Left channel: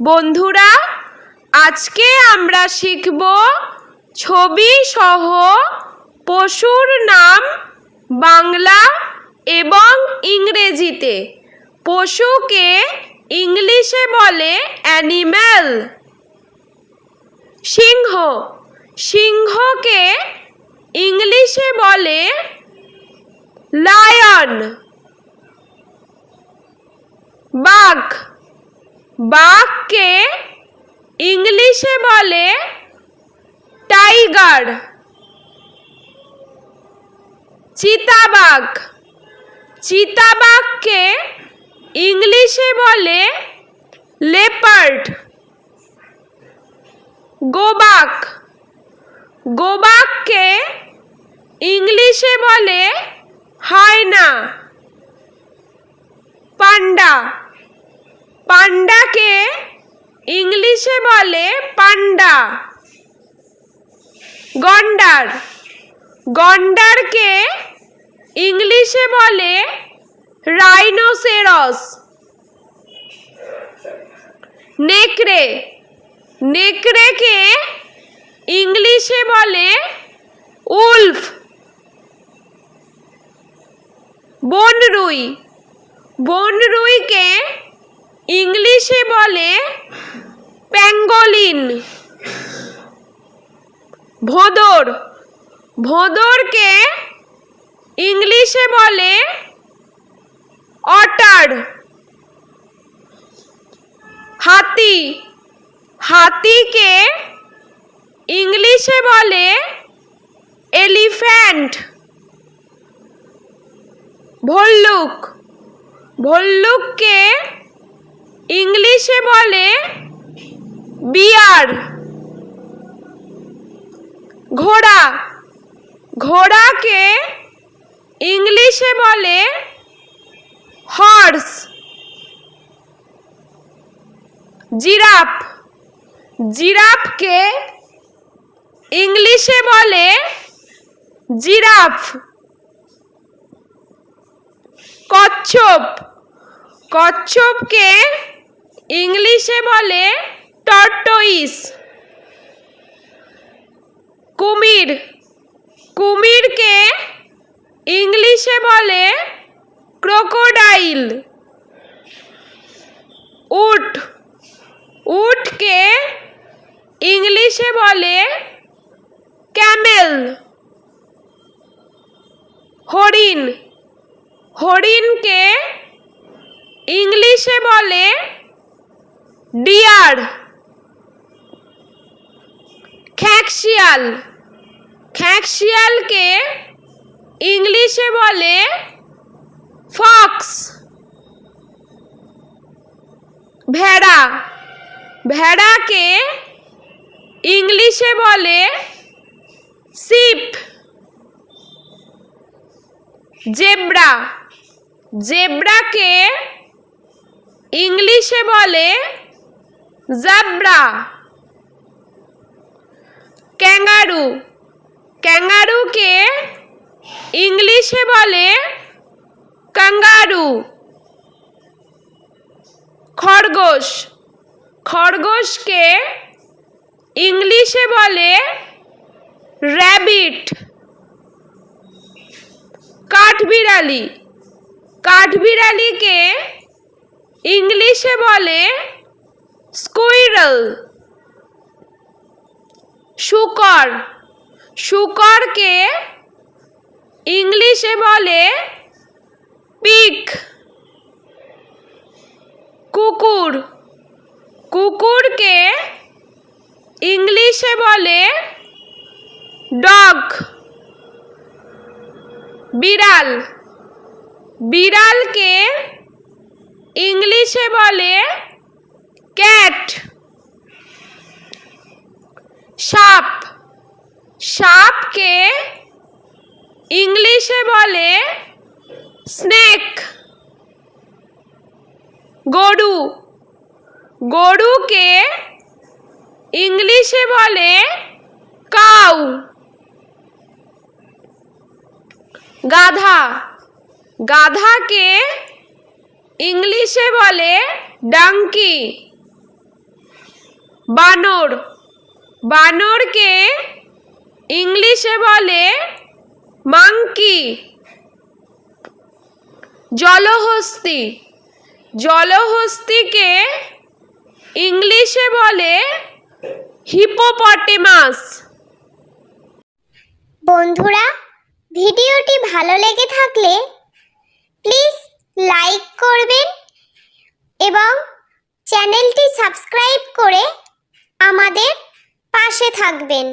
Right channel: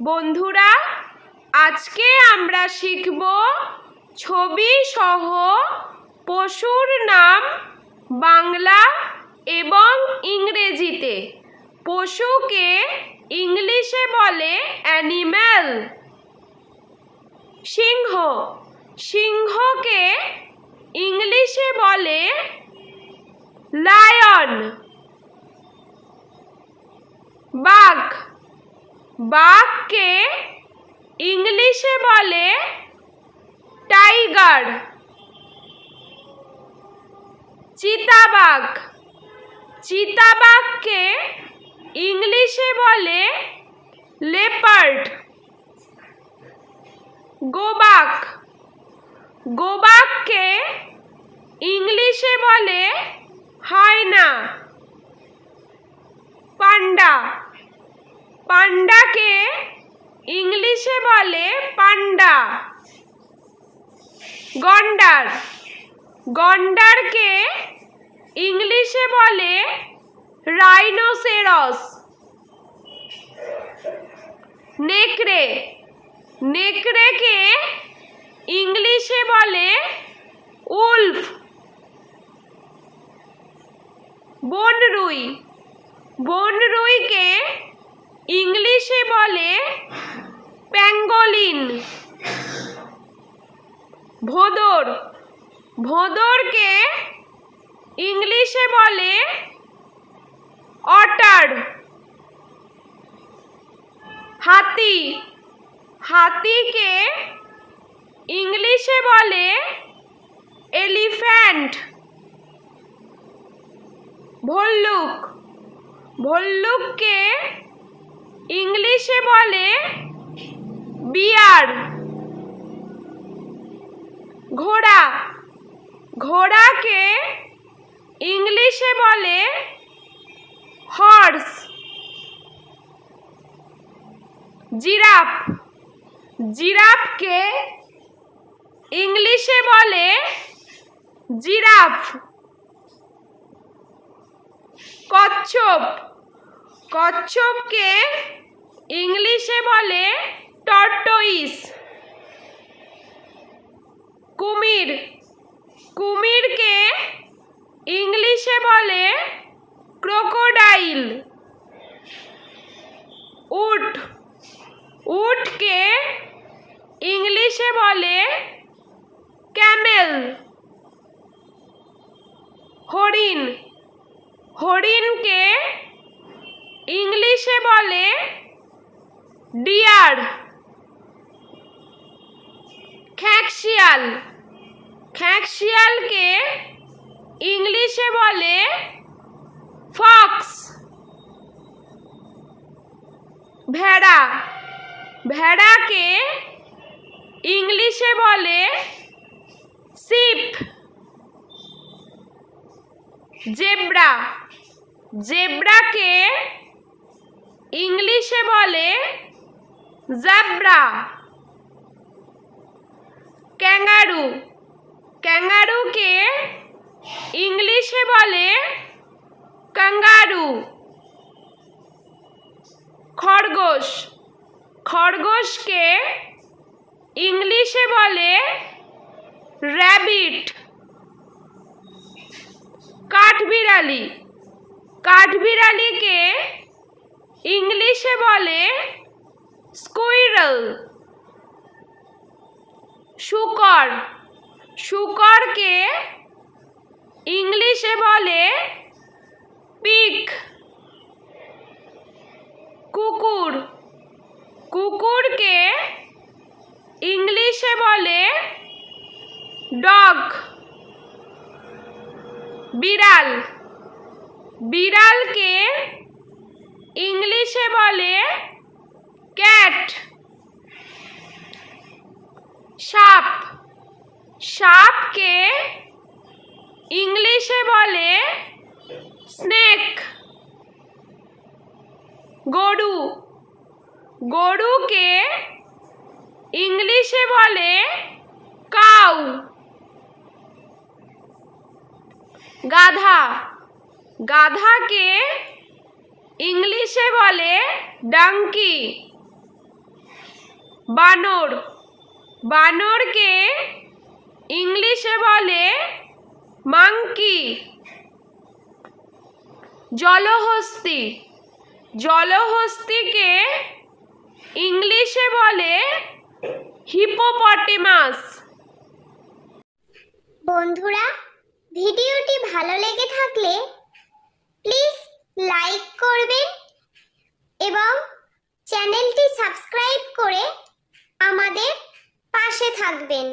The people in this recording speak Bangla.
বন্ধুরা, আজকে আমরা শিখব ছবি সহ পশুর নাম বাংলা এবং ইংরেজিতে। পশুকে ইংলিশে বলে অ্যানিম্যাল। সিংহ, সিংহকে ইংলিশে বলে লায়ন। বাঘ, বাঘকে ইংলিশে বলে টাইগার। চিতাবাঘ, চিতাবাঘকে ইংলিশে বলে লেপার্ড। গোবাক, গোবাককে ইংলিশে বলে হায়না। পান্ডা, পান্ডাকে ইংলিশে বলে পান্ডা। গন্ডার, গন্ডারকে ইংলিশে বলে রাইনোসেরস। নেকড়ে, নেকড়েকে ইংলিশে বলে উলফ। বনরুই, বনরুইকে ইংলিশে বলে প্যাঙ্গোলিন। ভোঁদর, ভোঁদরকে ইংলিশে বলে অটার। হাতি, হাতিকে ইংলিশে বলে এলিফ্যান্ট। ভল্লুক, ভল্লুককে ইংলিশে বলে বিয়ার। ঘোড়া, ঘোড়াকে ইংলিশে বলে হর্স। জিরাফ, জিরাফকে ইংলিশে বলে জিরাফ। কচ্ছপ, কচ্ছপকে ইংলিশে বলে টর্টয়েস। কুমির, কুমিরকে ইংলিশে বলে ক্রোকোডাইল। উট, উটকে ইংলিশে বলে ক্যামেল। হরিণ, হরিণকে ইংলিশে বলে ডিয়ার। খ্যাঁকশিয়াল, খ্যাঁকশিয়ালকে ইংলিশে বলে ফক্স। ভেড়া, ভেড়াকে ইংলিশে বলে শিপ। জেব্রা, জেব্রাকে ইংলিশে বলে জাব্রা। ক্যাঙ্গারু, ক্যাঙ্গারুকে ইংলিশে বলে কাঙ্গারু। খরগোশ, খরগোশকে ইংলিশে বলে র্যাবিট। কাঠবিড়ালি, কাঠবিড়ালিকে ইংলিশে বলে স্কুইরল। শূকর, শূকরকে ইংলিশে বলে পিগ। কুকুর, কুকুরকে ইংলিশে বলে ডগ। বিড়াল, বিড়ালকে ইংলিশে বলে ক্যাট। সাপ, সাপকে ইংলিশে বলে স্নেক। গরু, গরুকে ইংলিশে বলে কাউ। গাধা, গাধাকে ইংলিশে বলে ডাঙ্কি। বানর, বানরকে ইংলিশে বলে মাংকি। জলহস্তী, জলহস্তীকে ইংলিশে বলে হিপোপটেমাস। বন্ধুরা, ভিডিওটি ভালো লেগে থাকলে প্লিজ লাইক করবেন এবং চ্যানেলটি সাবস্ক্রাইব করে আমাদের পাশে থাকবেন।